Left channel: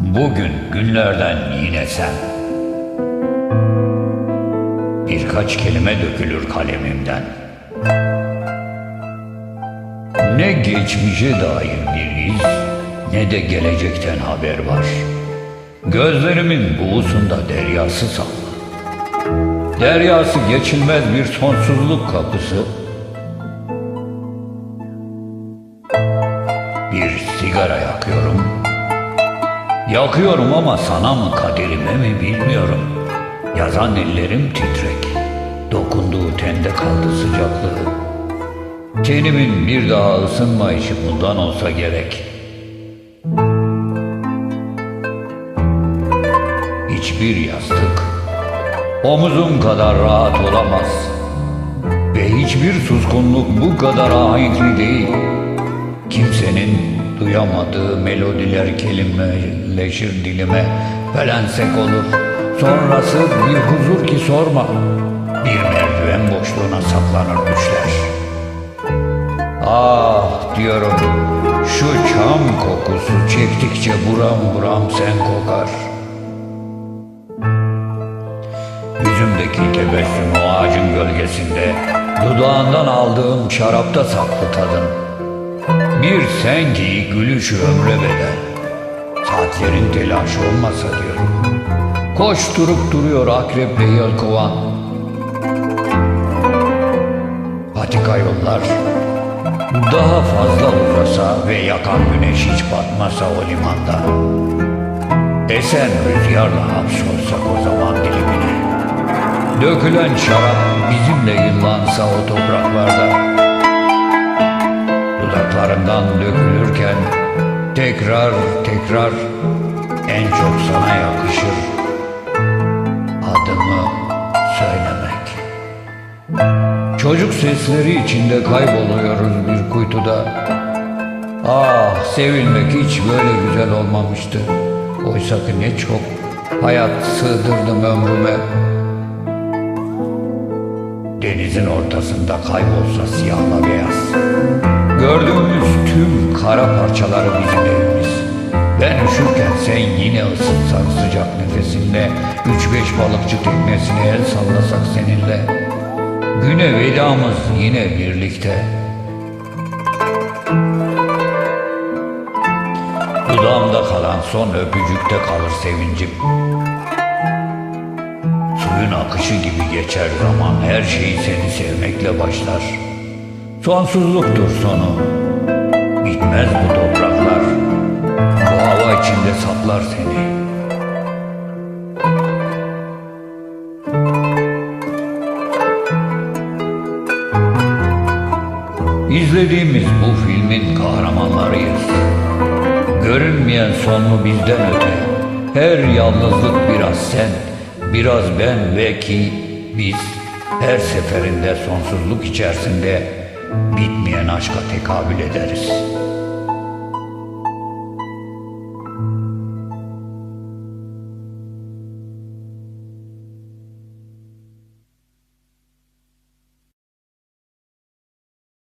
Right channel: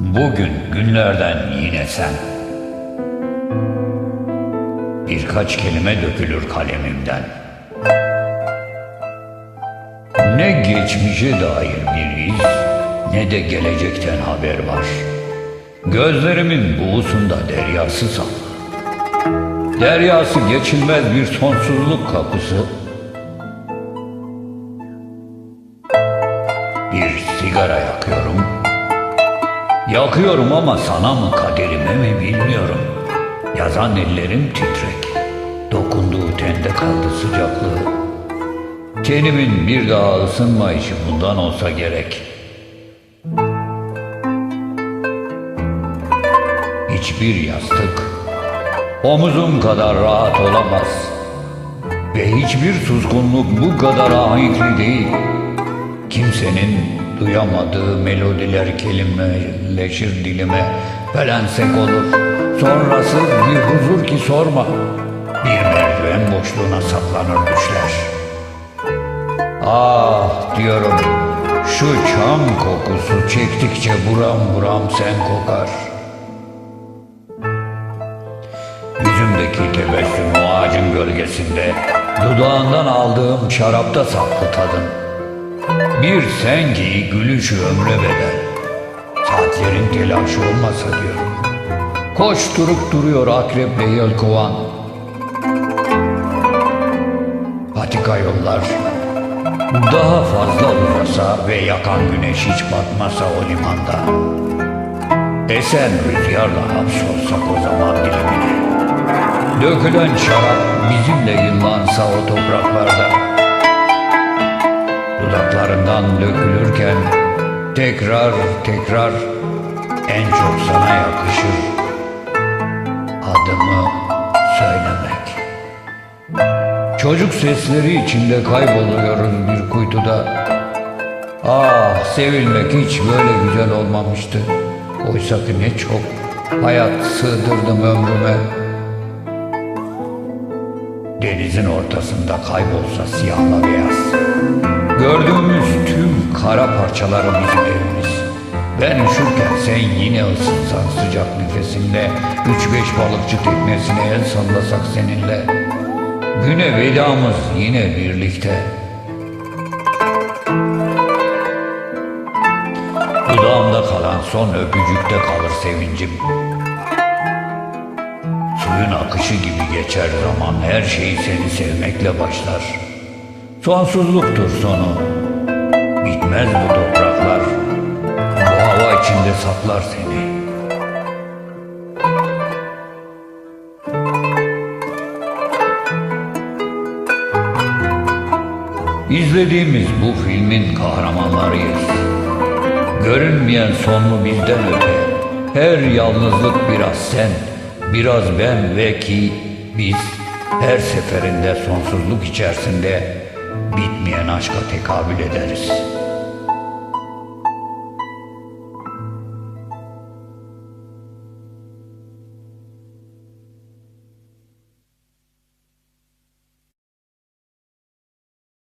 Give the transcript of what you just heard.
Bugün günlerden yine sen. Birkaç kelime dökülür kalemimden. Ne geçmişe dair bir iz, ne de gelecekten haber var. Gözlerimin buğusunda deryası saklı. Deryası geçilmez bir sonsuzluk kapısı. Bir sigara yakıyorum. Yakıyorum ama sana mı kaderime mi bilmiyorum. Yazan ellerim titrek. Dokunduğu tende kaldı sıcaklığı. Tenimin bir daha ısınma işi bundan olsa gerek. Hiçbir yastık omuzum kadar rahat olamaz. Ve hiçbir suskunluk bu kadar ahenkli değil. Kimsenin duyamadığı melodiler kelimeleşir dilime. Felensek olur Sonrası bir huzur ki sorma. Bir merdiven boşluğuna saplanır düşler. Ah diyorum Şu çam kokusu çektikçe buram buram sen kokar. Yüzümdeki tebessüm o ağacın gölgesinde Dudağından aldığım şarapta saklı tadın bir sen ki gülüşü ömre bedel. Saatlerin telaşı olmasa diyorum. Koşturup duruyor akreple yelkovan. Patika yollar daha fazla uzasa ve yakan güneş hiç batmasa o limanda. Esen rüzgarla hapsolsak o zaman dilimine. Dökülen şarap bizimle yıllansa o topraklarda. Dudaklarından dökülürken tekrar tekrar en çok sana yakışır adımı söylemek. Çocuk sesleri içinde kayboluyoruz bir kuytuda. Ah sevilmek hiç böyle güzel olmamıştı. Oysa ki ne çok hayat sığdırdım ömrüme. Denizin ortasında kaybolsa siyahla beyaz. Gördüğümüz tüm kara parçaları bizim evimiz. Ben üşürken sen yine ısıtsan sıcak nefesinle, üç beş balıkçı teknesine el sallasak seninle. Güne vedamız yine birlikte. Dudağımda kalan son öpücükte kalır sevincim. Suyun akışı gibi geçer zaman her şeyi seni sevmekle başlar. Sonsuzluktur sonu. Bitmez bu topraklar. Bu hava içinde saplar seni. İzlediğimiz bu filmin kahramanlarıyız. Görünmeyen sonlu bizden öte. Her yalnızlık biraz sen, biraz ben ve ki biz her seferinde sonsuzluk içerisinde bitmeyen aşka tekabül ederiz.''